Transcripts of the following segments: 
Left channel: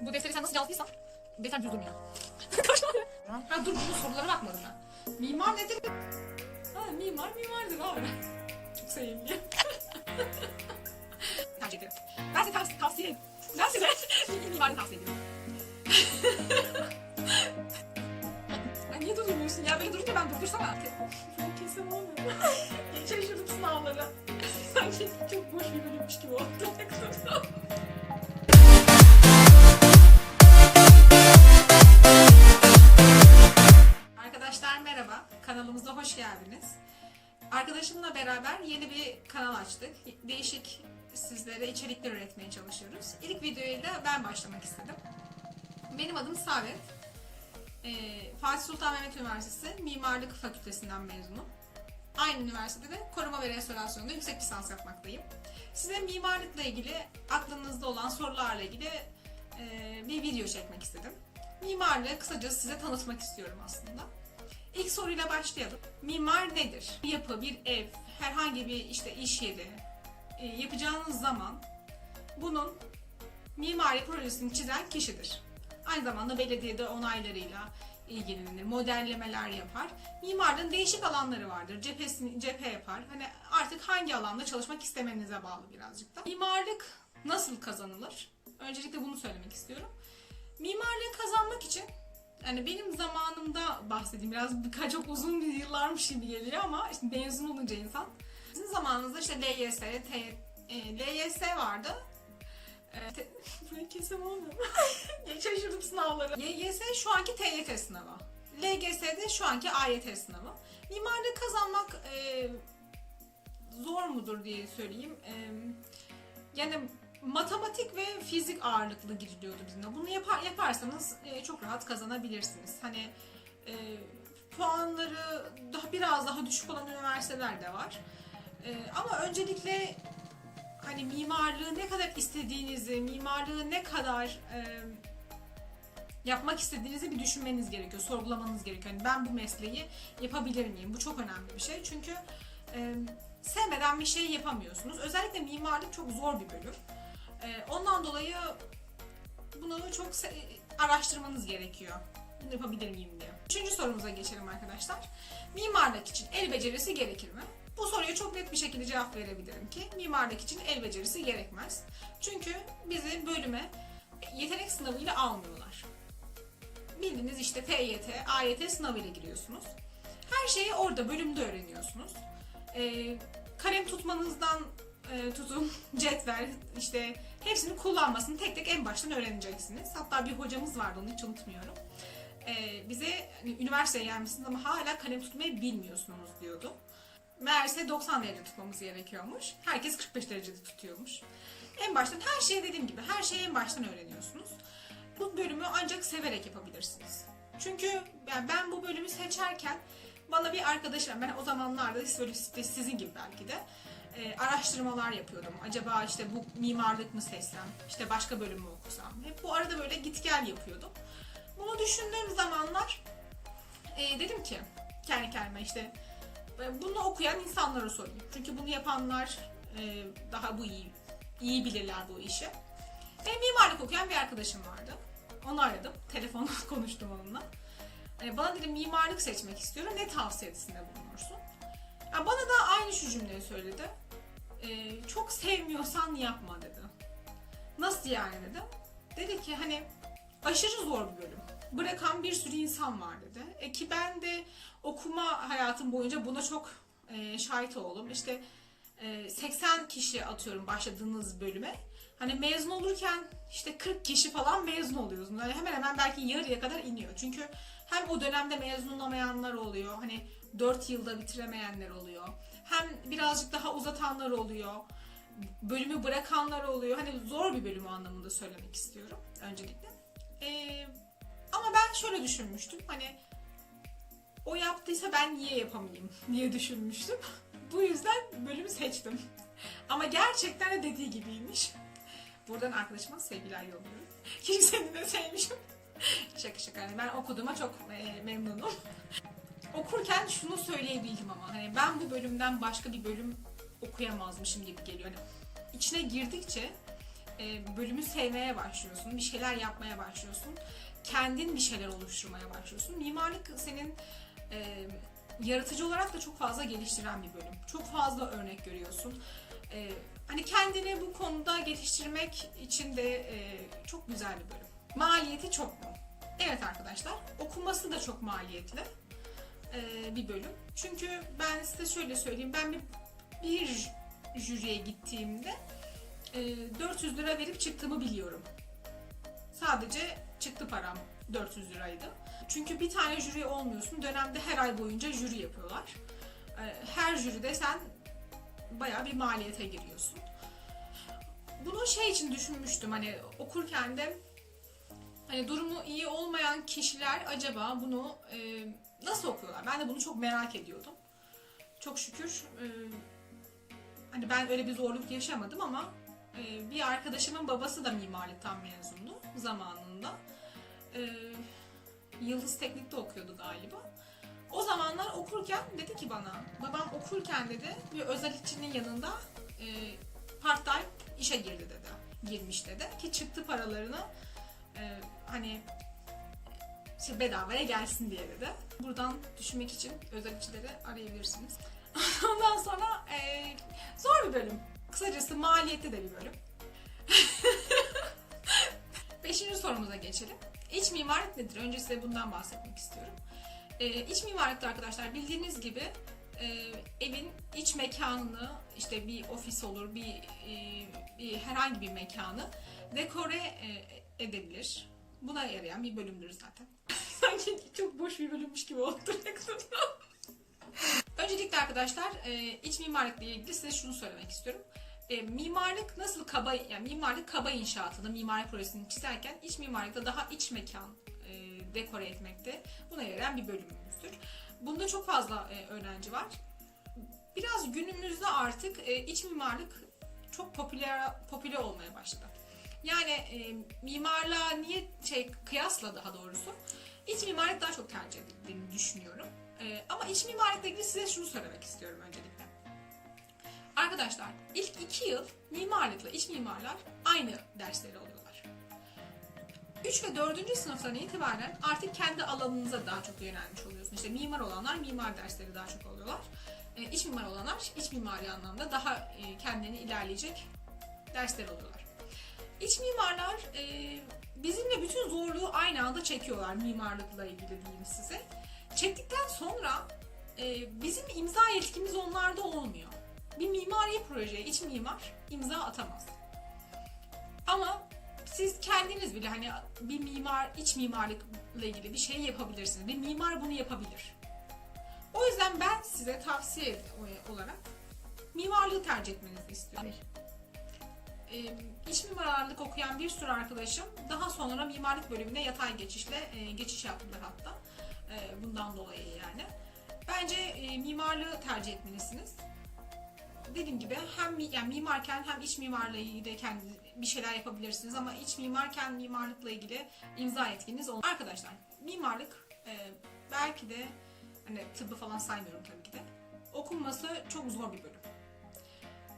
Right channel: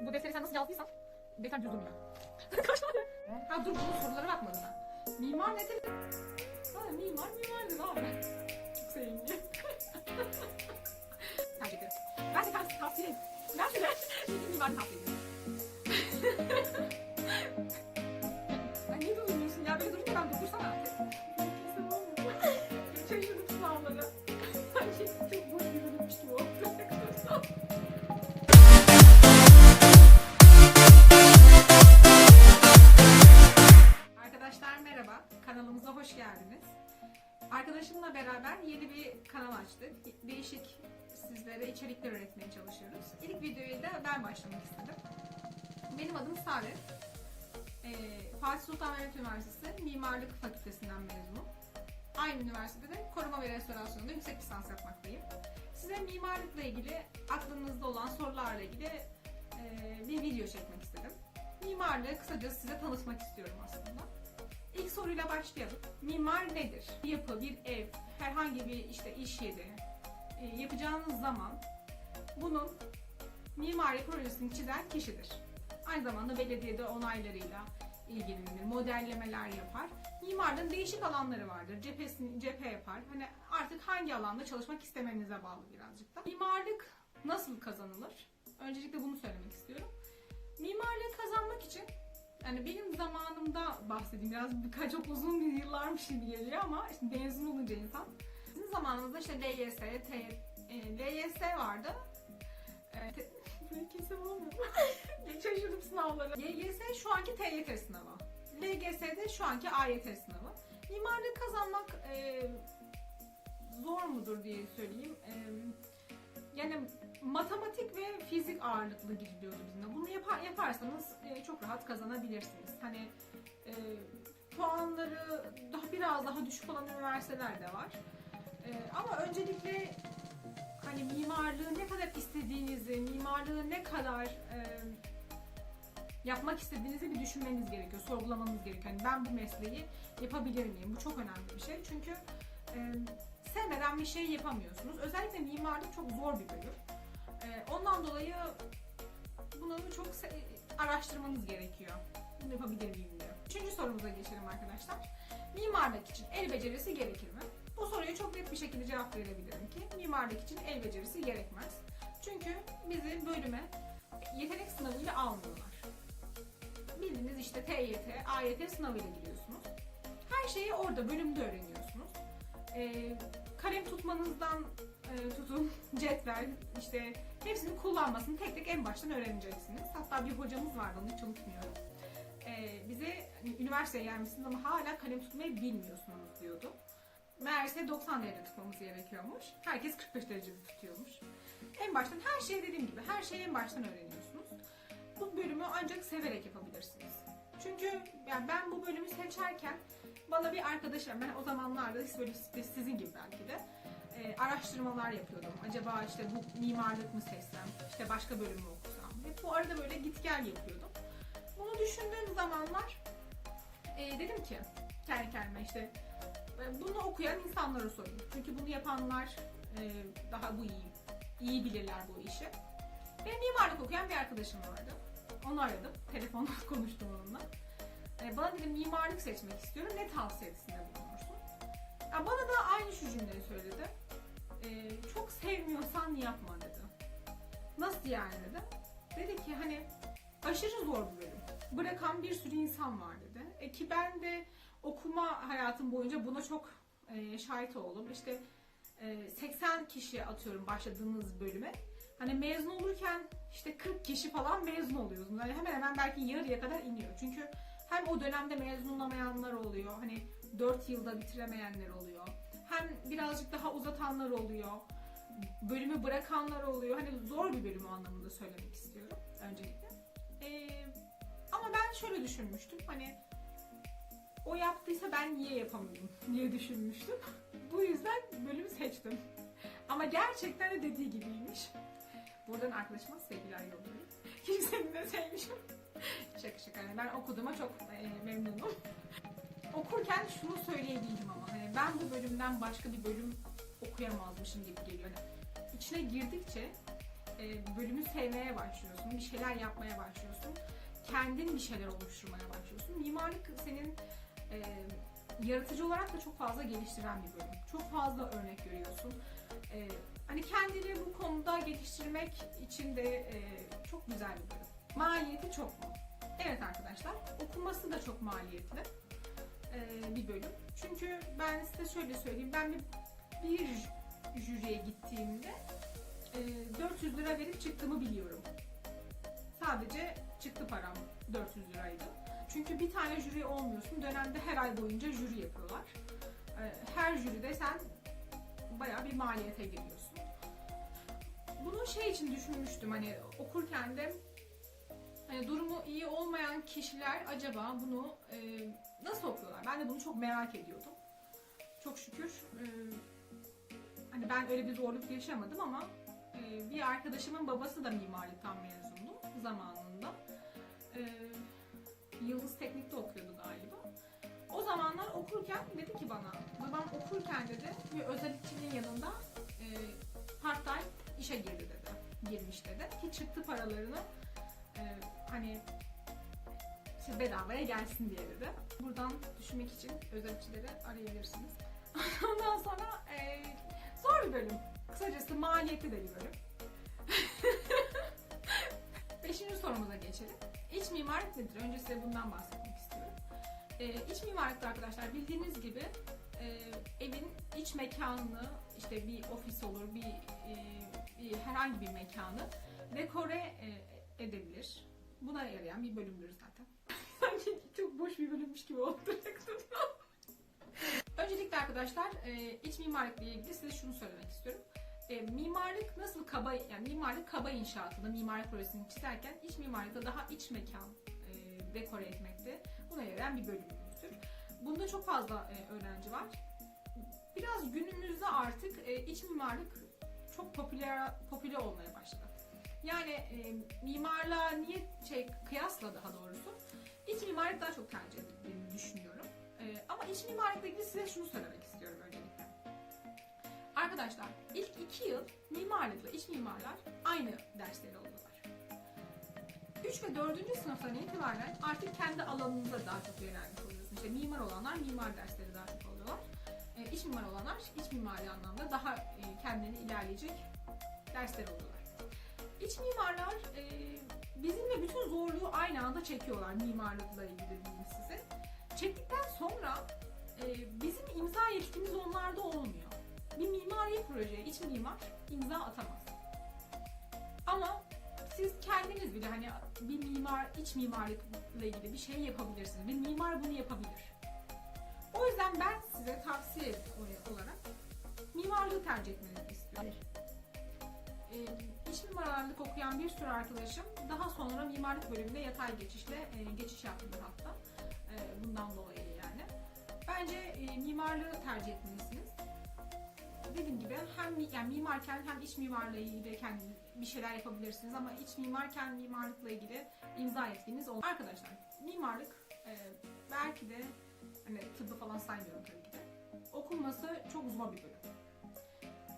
Bu defteri sen nasıl yazdıysan defter düz durmuyor. ha dur bunun sorulara bakmadım ben. Mimar nedir? Ha mimar mimardır abi. Çok sevimli. Tercih ederim. Ben size tavsiye, tavsiye Ben size mimarı tavsiye ediyorum. ya niye durmuyorsun ya? Böyle durunca ben durdursam. Kesin olmuyor. Şaşırdım sınavlara. Sanki çok boş bir bölümmüş gibi oldu. Beraber yeni bir kanal açtık. Değişik sizlere içerikler üretmeye çalışıyoruz. İlk videoyla ben başlamak istedim. Benim adım Saadet. Ee, Fatih Sultan Mehmet Üniversitesi Mimarlık Fakültesinden mezunum. Aynı üniversitede koruma ve restorasyonda yüksek lisans yapmaktayım. Size mimarlıkla ilgili, aklınızda olan sorularla ilgili e, bir video çekmek istedim. Mimarlığı kısaca size tanıtmak istiyorum aslında. İlk soruyla başlayalım. Mimar nedir? Bir yapı, bir ev, herhangi bir işte iş yeri e, yapacağınız zaman bunun mimari projesini çizen kişidir. Aynı zamanda belediyede onaylarıyla ilgilenir, modellemeler yapar. Mimarlığın değişik alanları vardır. Cephesini cephe yapar. Hani artık hangi alanda çalışmak istemenize bağlı birazcık da. Mimarlık nasıl kazanılır? Öncelikle bunu söylemek istiyorum. Mimarlığı kazanmak için yani benim zamanımda bahsedeyim biraz birkaç çok uzun bir yıllarmış gibi geliyor ama işte mezun olunca insan. Sizin zamanınızda işte LYS, T, e, LYS vardı. E, te, kesem olmuyor. Şaşırdım sınavları. LYS şu anki TYT sınavı. LGS de şu anki AYT sınavı. Mimarlığı kazanmak e, zor mudur diye söyleyeyim. E, yani matematik ve fizik ağırlıklı giriliyordu bizimle. Bunu yapar, yaparsanız e, çok rahat kazanabilirsiniz. Hani e, puanları daha biraz daha düşük olan üniversiteler de var. E, ama öncelikle hani mimarlığı ne kadar istediğinizi, mimarlığı ne kadar e, yapmak istediğinizi bir düşünmeniz gerekiyor, sorgulamanız gerekiyor. Yani ben bu mesleği yapabilir miyim? Bu çok önemli bir şey. Çünkü e, sevmeden bir şey yapamıyorsunuz. Özellikle mimarlık çok zor bir bölüm. E, ondan dolayı bunu çok araştırmanız gerekiyor. Bunu yapabilir miyim diye. Üçüncü sorumuza geçelim arkadaşlar. Mimarlık için el becerisi gerekir mi? Bu soruya çok net bir şekilde cevap verebilirim ki mimarlık için el becerisi gerekmez. Çünkü bizi bölüme yetenek sınavıyla almıyorlar. Bildiğiniz işte TYT, AYT sınavıyla giriyorsunuz. Her şeyi orada bölümde öğreniyorsunuz. Ee, kalem tutmanızdan e, tutun cetvel işte hepsini kullanmasını tek tek en baştan öğreneceksiniz. Hatta bir hocamız vardı onu hiç unutmuyorum. Ee, bize hani, üniversiteye gelmişsiniz ama hala kalem tutmayı bilmiyorsunuz diyordu. Meğerse 90 derece tutmamız gerekiyormuş. Herkes 45 derecede tutuyormuş. En baştan her şeyi dediğim gibi her şeyi en baştan öğreniyorsunuz. Bu bölümü ancak severek yapabilirsiniz. Çünkü yani ben bu bölümü seçerken bana bir arkadaşım, ben o zamanlarda böyle sizin gibi belki de e, araştırmalar yapıyordum. Acaba işte bu mimarlık mı seçsem, işte başka bölüm mü okusam. Hep bu arada böyle git gel yapıyordum. Bunu düşündüğüm zamanlar e, dedim ki kendi kendime işte e, bunu okuyan insanlara sorayım. Çünkü bunu yapanlar e, daha bu iyi, iyi bilirler bu işi. Ve mimarlık okuyan bir arkadaşım vardı. Onu aradım. Telefonla konuştum onunla. E, bana dedi mimarlık seçmek istiyorum. Ne tavsiyesinde bulunursun? Ya bana da aynı şu cümleyi söyledi. E, çok sevmiyorsan yapma dedi. Nasıl yani dedim. Dedi ki hani aşırı zor bir bölüm. Bırakan bir sürü insan var dedi. E ki ben de okuma hayatım boyunca buna çok e, şahit oldum. İşte e, 80 kişi atıyorum başladığınız bölüme. Hani mezun olurken işte 40 kişi falan mezun oluyorsunuz. Yani hemen hemen belki yarıya kadar iniyor. Çünkü hem o dönemde mezun olamayanlar oluyor. Hani 4 yılda bitiremeyenler oluyor. Hem birazcık daha uzatanlar oluyor. Bölümü bırakanlar oluyor. Hani zor bir bölüm anlamında söylemek istiyorum öncelikle. Ee, ama ben şöyle düşünmüştüm. Hani o yaptıysa ben niye yapamayayım diye düşünmüştüm. Bu yüzden bölümü seçtim. Ama gerçekten de dediği gibiymiş. Buradan arkadaşıma sevgiler yolluyorum. Kimsenin de sevmişim. şaka şaka. Ben okuduğuma çok e, memnunum. Okurken şunu söyleyebildim ama hani ben bu bölümden başka bir bölüm okuyamazmışım gibi geliyor. Hani içine girdikçe e, bölümü sevmeye başlıyorsun. Bir şeyler yapmaya başlıyorsun. Kendin bir şeyler oluşturmaya başlıyorsun. Mimarlık senin e, yaratıcı olarak da çok fazla geliştiren bir bölüm. Çok fazla örnek görüyorsun. E, hani kendini bu konuda geliştirmek için de e, çok güzel bir bölüm. Maliyeti çok mu? Evet arkadaşlar, okuması da çok maliyetli e, bir bölüm. Çünkü ben size şöyle söyleyeyim, ben bir, bir jüriye gittiğimde e, 400 lira verip çıktığımı biliyorum. Sadece çıktı param 400 liraydı. Çünkü bir tane jüri olmuyorsun. Dönemde her ay boyunca jüri yapıyorlar. E, Her jüride sen bayağı bir maliyete giriyorsun. Bunu şey için düşünmüştüm hani okurken de hani durumu iyi olmayan kişiler acaba bunu e, nasıl okuyorlar? Ben de bunu çok merak ediyordum. Çok şükür e, hani ben öyle bir zorluk yaşamadım ama e, bir arkadaşımın babası da mimarlıktan mezundu zamanında. E, Yıldız Teknik'te okuyordu galiba. O zamanlar okurken dedi ki bana, babam okurken dedi bir özellikçinin yanında e, part time işe girdi dedi. Girmiş dedi ki çıktı paralarını e, hani işte bedavaya gelsin diye dedi. Buradan düşünmek için özellikçileri arayabilirsiniz. Ondan sonra e, zor bir bölüm. Kısacası maliyetli de bir bölüm. Beşinci sorumuza geçelim. İç mimarlık nedir? Önce size bundan bahsetmek istiyorum. E, iç mimarlıkta arkadaşlar bildiğiniz gibi e, evin iç mekanını işte bir ofis olur, bir, e, bir herhangi bir mekanı dekore e, edebilir. Buna yarayan bir bölümdür zaten. Sanki çok boş bir bölümmüş gibi oldu. Öncelikle arkadaşlar e, iç mimarlıkla ilgili size şunu söylemek istiyorum. E, mimarlık nasıl kaba, yani mimarlık kaba inşaatında mimari projesini çizerken iç mimarlıkta daha iç mekan e, dekore etmekte buna yarayan bir bölümümüzdür. Bunda çok fazla e, öğrenci var. Biraz günümüzde artık e, iç mimarlık çok popüler popüler olmaya başladı. Yani e, mimarlığa niye şey kıyasla daha doğrusu iç mimarlık daha çok tercih edildiğini düşünüyorum. E, ama iç mimarlıkla ilgili size şunu söylemek istiyorum öncelikle. Arkadaşlar ilk iki yıl mimarlıkla iç mimarlar aynı dersleri alıyorlar. 3 ve 4. sınıftan itibaren artık kendi alanınıza daha çok yönelmiş oluyorsunuz. İşte mimar olanlar mimar dersleri daha çok alıyorlar. E, iç mimar olanlar iç mimari anlamda daha e, kendilerini ilerleyecek dersler alıyorlar. İç mimarlar e, bizimle bütün zorluğu aynı anda çekiyorlar mimarlıkla ilgili diyeyim size. Çektikten sonra e, bizim imza yetkimiz onlarda olmuyor. Bir mimari projeye iç mimar imza atamaz. Ama siz kendiniz bile hani bir mimar, iç mimarlıkla ilgili bir şey yapabilirsiniz. Bir mimar bunu yapabilir. O yüzden ben size tavsiye olarak mimarlığı tercih etmenizi istiyorum. Ee, iç mimarlık okuyan bir sürü arkadaşım daha sonra mimarlık bölümüne yatay geçişle e, geçiş yaptılar hatta. E, bundan dolayı yani. Bence e, mimarlığı tercih etmelisiniz. Dediğim gibi hem yani mimarken hem iç mimarla ilgili de kendi bir şeyler yapabilirsiniz ama iç mimarken mimarlıkla ilgili imza etkiniz olur. Arkadaşlar mimarlık e, belki de hani tıbbı falan saymıyorum tabii ki de okunması çok zor bir bölüm.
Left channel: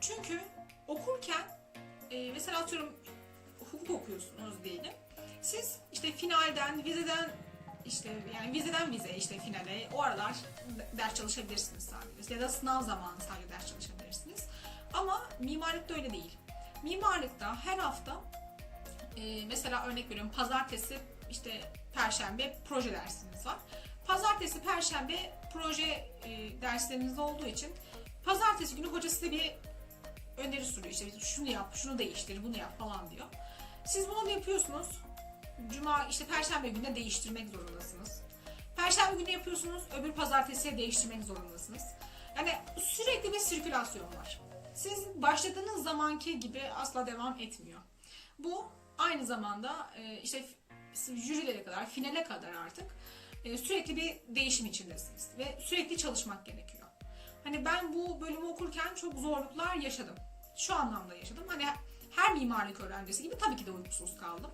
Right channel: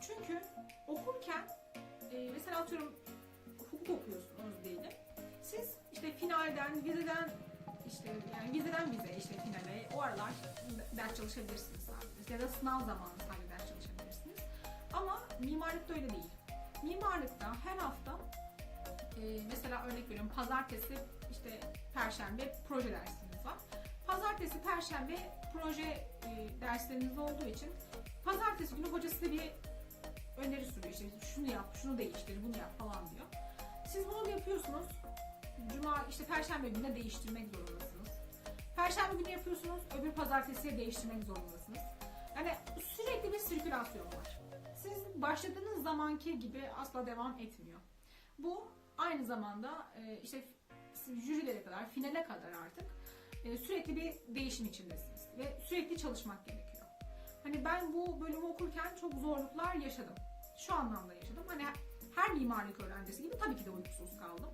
Çünkü okurken e, mesela atıyorum hukuk okuyorsunuz diyelim. Siz işte finalden, vizeden işte yani vizeden vize işte finale o aralar ders çalışabilirsiniz sadece. Ya da sınav zamanı sadece ders çalışabilirsiniz. Ama mimarlıkta öyle değil. Mimarlıkta her hafta e, mesela örnek veriyorum pazartesi işte perşembe proje dersiniz var. Pazartesi perşembe proje e, dersleriniz olduğu için pazartesi günü hoca size bir öneri sunuyor. İşte şunu yap, şunu değiştir, bunu yap falan diyor. Siz bunu yapıyorsunuz. Cuma işte perşembe gününe değiştirmek zorundasınız. Perşembe günü yapıyorsunuz, öbür pazartesiye değiştirmek zorundasınız. Yani sürekli bir sirkülasyon var. Siz başladığınız zamanki gibi asla devam etmiyor. Bu aynı zamanda e, işte jürilere kadar, finale kadar artık e, sürekli bir değişim içindesiniz ve sürekli çalışmak gerekiyor. Hani ben bu bölümü okurken çok zorluklar yaşadım. Şu anlamda yaşadım. Hani her mimarlık öğrencisi gibi tabii ki de uykusuz kaldım.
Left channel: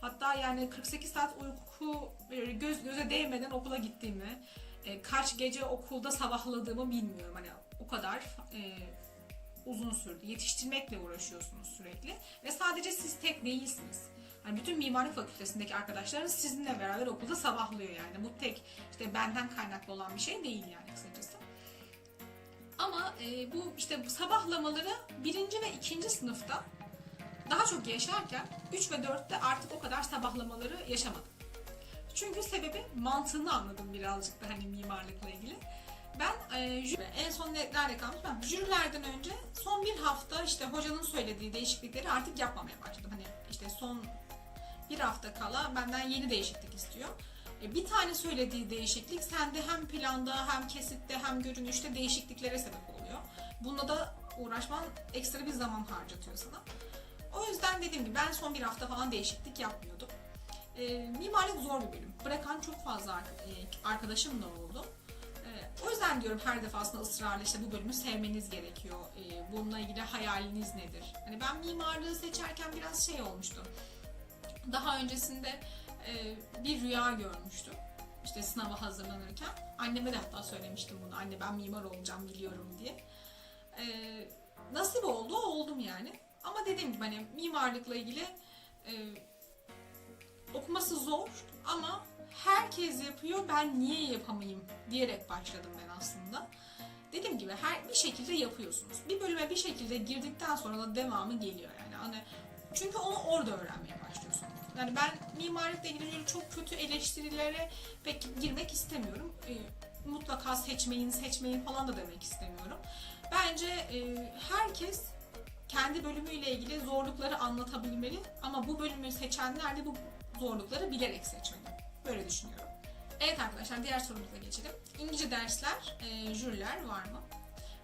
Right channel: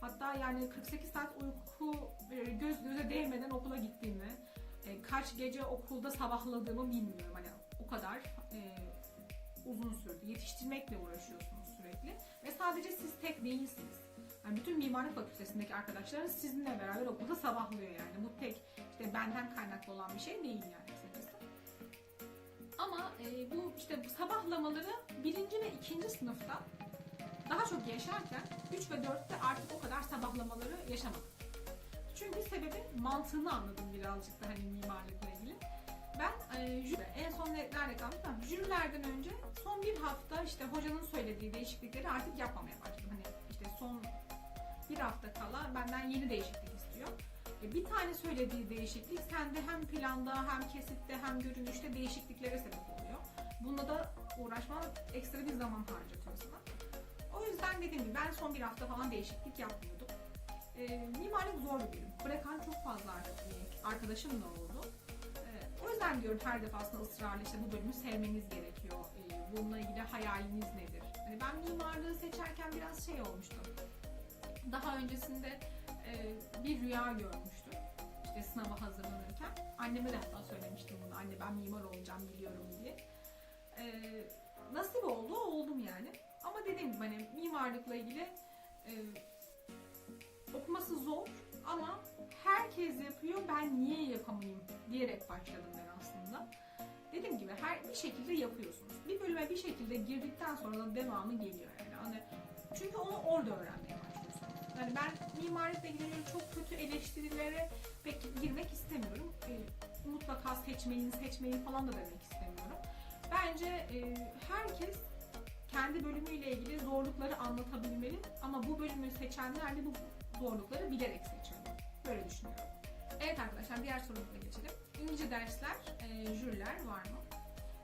Hatta yani 48 saat uyku böyle göz göze değmeden okula gittiğimi, e, kaç gece okulda sabahladığımı bilmiyorum. Hani o kadar e, uzun sürdü. Yetiştirmekle uğraşıyorsunuz sürekli. Ve sadece siz tek değilsiniz. Yani bütün mimarlık fakültesindeki arkadaşlarınız sizinle beraber okulda sabahlıyor yani. Bu tek işte benden kaynaklı olan bir şey değil yani kısacası. Ama e, bu işte bu sabahlamaları birinci ve ikinci sınıfta daha çok yaşarken 3 ve 4'te artık o kadar sabahlamaları yaşamadım. Çünkü sebebi mantığını anladım birazcık da hani mimarlıkla ilgili. Ben e, jüri, en son nerede kalmış? Ben jürilerden önce son bir hafta işte hocanın söylediği değişiklikleri artık yapmamaya başladım. Hani işte son bir hafta kala benden yeni değişiklik istiyor. Bir tane söylediği değişiklik sende hem planda hem kesitte hem görünüşte değişikliklere sebep oluyor. Bununla da uğraşman ekstra bir zaman harcatıyor sana. O yüzden dediğim gibi ben son bir hafta falan değişiklik yapmıyordum. E, mimarlık zor bir bölüm. Bırakan çok fazla e, arkadaşım da oldu. E, o yüzden diyorum her defasında ısrarla işte bu bölümü sevmeniz gerekiyor. E, bununla ilgili hayaliniz nedir? Hani ben mimarlığı seçerken biraz şey olmuştu. Daha öncesinde bir rüya görmüştüm. İşte sınava hazırlanırken. Anneme de hatta söylemiştim bunu. Anne ben mimar olacağım biliyorum diye. E, nasip oldu, oldum yani. Ama dediğim gibi hani mimarlıkla ilgili e, okuması zor ama herkes yapıyor ben niye yapamayayım diyerek başladım ben aslında. Dediğim gibi her bir şekilde yapıyorsunuz. Bir bölüme bir şekilde girdikten sonra da devamı geliyor yani. Hani çünkü onu orada başlıyorsunuz. Yani ben mimarlıkla ilgili çok kötü eleştirilere pek girmek istemiyorum. E, mutlaka seçmeyin, seçmeyin falan da demek istemiyorum. Bence e, herkes kendi bölümüyle ilgili zorlukları anlatabilmeli ama bu bölümü seçenler de bu zorlukları bilerek seçmeli. Böyle düşünüyorum. Evet arkadaşlar diğer sorumuza geçelim. İngilizce dersler, e, jüriler var mı?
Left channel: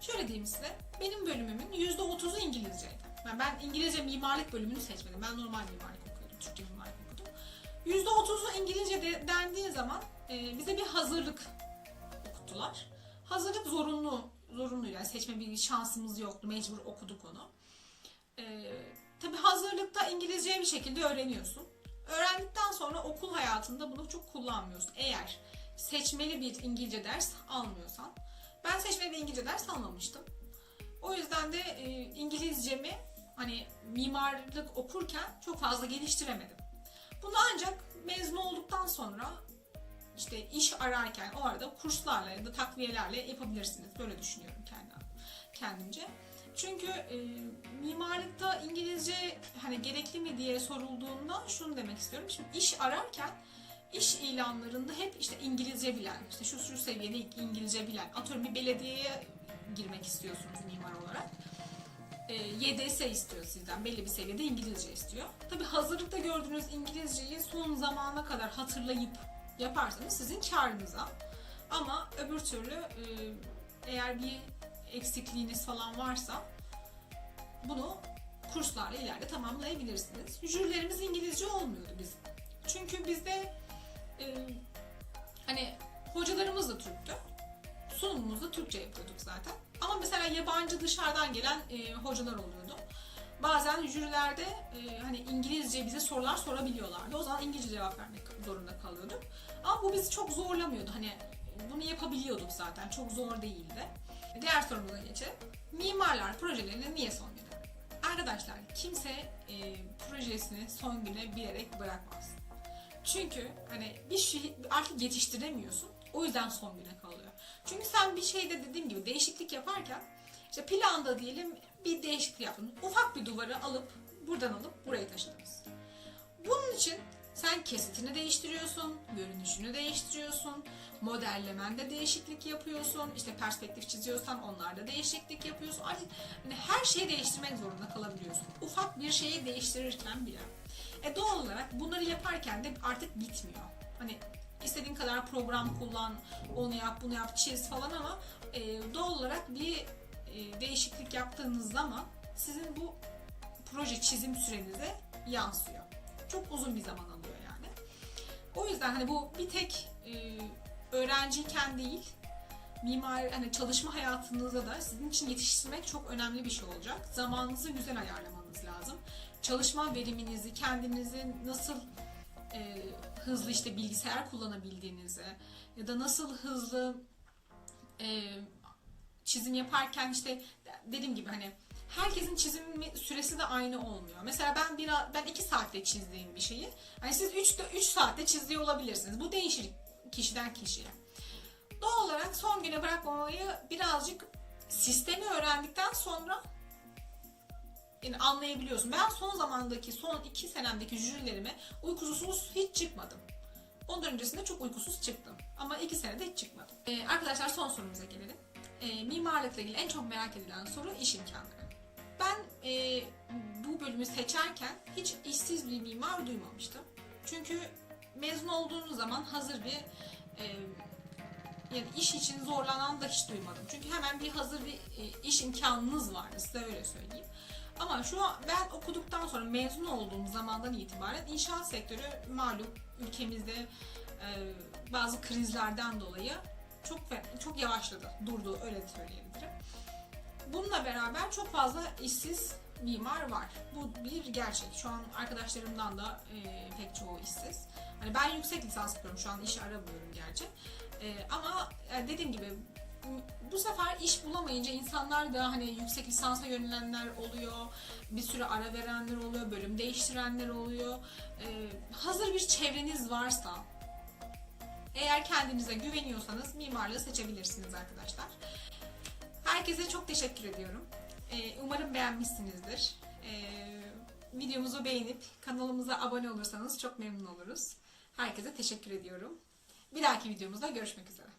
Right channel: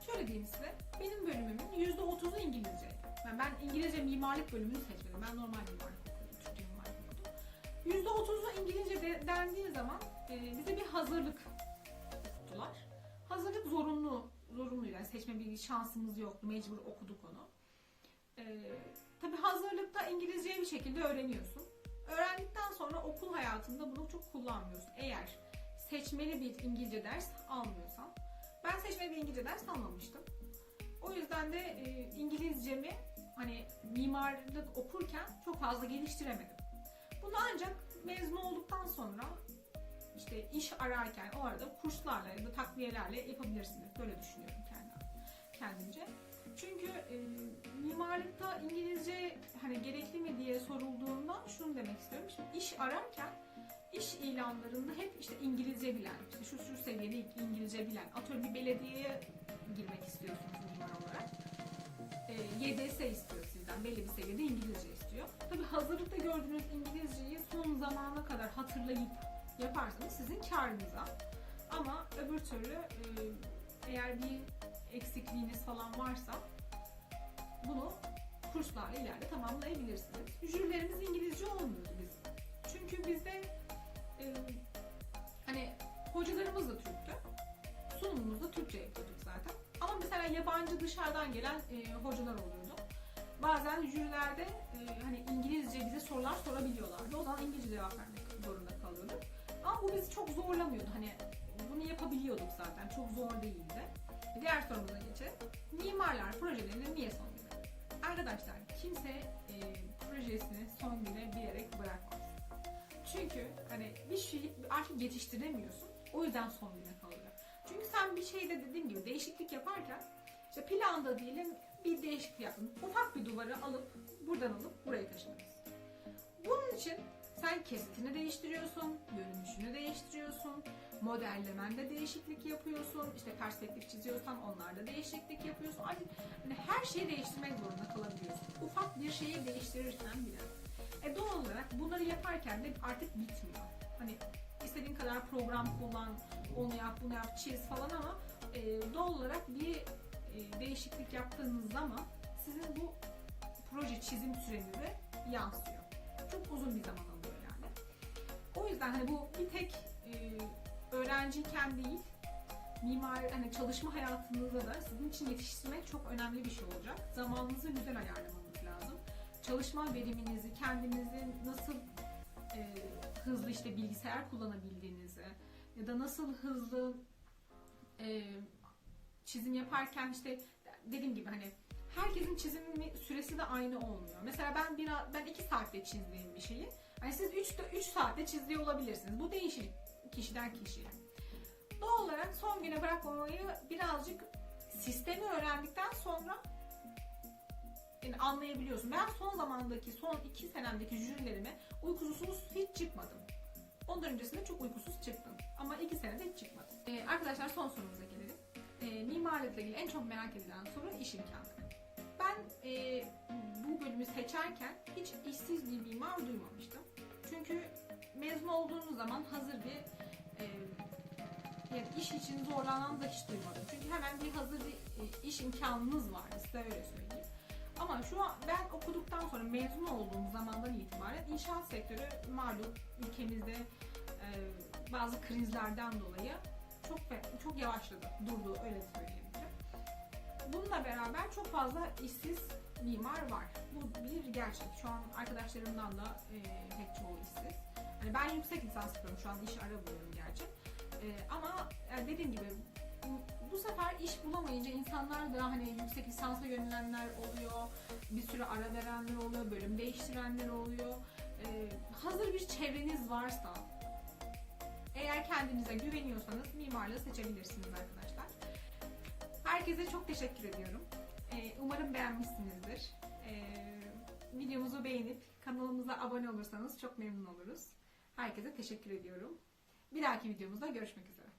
Şöyle diyeyim size. Benim bölümümün %30'u İngilizceydi. Yani ben İngilizce mimarlık bölümünü seçmedim. Ben normal %30'u İngilizce de, dendiği zaman e, bize bir hazırlık okuttular. Hazırlık zorunlu, zorunlu yani seçme bir şansımız yoktu. Mecbur okuduk onu. E, tabii hazırlıkta İngilizceyi bir şekilde öğreniyorsun. Öğrendikten sonra okul hayatında bunu çok kullanmıyorsun. Eğer seçmeli bir İngilizce ders almıyorsan. Ben seçmeli bir İngilizce ders almamıştım. O yüzden de e, İngilizcemi hani mimarlık okurken çok fazla geliştiremedim. Bunu ancak mezun olduktan sonra işte iş ararken o arada kurslarla ya da takviyelerle yapabilirsiniz. Böyle düşünüyorum kendim, kendimce. Çünkü e, mimarlıkta İngilizce hani gerekli mi diye sorulduğunda şunu demek istiyorum. Şimdi iş ararken iş ilanlarında hep işte İngilizce bilen, işte şu şu seviyede İngilizce bilen, atıyorum bir belediyeye girmek istiyorsunuz YDS istiyor sizden, belli bir seviyede İngilizce istiyor. Tabi hazırlıkta gördüğünüz İngilizceyi son zamana kadar hatırlayıp yaparsanız sizin karınıza. Ama öbür türlü e, eğer bir eksikliğiniz falan varsa bunu kurslarla ileride tamamlayabilirsiniz. Jürilerimiz İngilizce olmuyordu bizim. Çünkü bizde e, hani hocalarımız da Türktü. Sunumumuzu da Türkçe yapıyorduk zaten. Ama mesela yabancı dışarıdan gelen e, hocalar oluyordu. Bazen jürilerde e, hani İngilizce bize sorular sorabiliyorlardı. O zaman İngilizce cevap vermek zorunda kalıyorduk. Ama bu bizi çok zorlamıyordu. Hani bunu yapabiliyorduk zaten. Çok zor değildi. Diğer sorumuza geçelim. Mimarlar projelerini niye son güne? Arkadaşlar kimse e, projesini son güne bilerek bırakmaz. Çünkü hani bir şey artık yetiştiremiyorsun. O yüzden son güne. Çünkü sen bir şeyde dediğim gibi değişiklik yaparken işte planda diyelim bir değişiklik yaptın. Ufak bir duvarı alıp buradan alıp buraya taşıdınız. Bunun için sen kesitini değiştiriyorsun, görünüşünü değiştiriyorsun, modellemende değişiklik yapıyorsun, işte perspektif çiziyorsan onlarda değişiklik yapıyorsun. Hani her şeyi değiştirmek zorunda kalabiliyorsun. Ufak bir şeyi değiştirirken bile. E doğal olarak bunları yaparken de artık bitmiyor. Hani istediğin kadar program kullan, onu yap, bunu yap, çiz falan ama e, doğal olarak bir e, değişiklik yaptığınız zaman sizin bu proje çizim sürenize yansıyor. Çok uzun bir zaman alıyor yani. O yüzden hani bu bir tek e, öğrenciyken değil, mimar hani çalışma hayatınızda da sizin için yetiştirmek çok önemli bir şey olacak. Zamanınızı güzel ayarlamanız lazım. Çalışma veriminizi, kendinizi nasıl e, hızlı işte bilgisayar kullanabildiğinizi ya da nasıl hızlı e, çizim yaparken işte dediğim gibi hani herkesin çizim süresi de aynı olmuyor. Mesela ben bir ben 2 saatte çizdiğim bir şeyi hani siz 3 3 saatte çiziyor olabilirsiniz. Bu değişir kişiden kişiye. Doğal olarak son güne bırakmamayı birazcık sistemi öğrendikten sonra yani anlayabiliyorsun. Ben son zamandaki, son iki senemdeki jürilerime uykusuz hiç çıkmadım. Ondan öncesinde çok uykusuz çıktım. Ama iki senede hiç çıkmadım. Ee, arkadaşlar son sorumuza gelelim. Ee, mimarlıkla ilgili en çok merak edilen soru iş imkanları. Ben e, bu bölümü seçerken hiç işsiz bir mimar duymamıştım. Çünkü mezun olduğunuz zaman hazır bir e, yani iş için zorlanan da hiç duymadım. Çünkü hemen bir hazır bir e, iş imkanınız var size öyle söyleyeyim. Ama şu an ben okuduktan sonra mezun olduğum zamandan itibaren inşaat sektörü malum ülkemizde e, bazı krizlerden dolayı çok çok yavaşladı, durdu öyle söyleyebilirim. Bununla beraber çok fazla işsiz mimar var. Bu bir gerçek. Şu an arkadaşlarımdan da e, pek çoğu işsiz. Hani ben yüksek lisans yapıyorum şu an iş aramıyorum gerçi. E, ama e, dediğim gibi bu- sefer iş bulamayınca insanlar da hani yüksek lisansa yönelenler oluyor. Bir sürü ara verenler oluyor, bölüm değiştirenler oluyor. E, hazır bir çevreniz varsa eğer kendinize güveniyorsanız mimarlığı seçebilirsiniz arkadaşlar. Herkese çok teşekkür ediyorum. Ee, umarım beğenmişsinizdir. Ee, videomuzu beğenip kanalımıza abone olursanız çok memnun oluruz. Herkese teşekkür ediyorum. Bir dahaki videomuzda görüşmek üzere.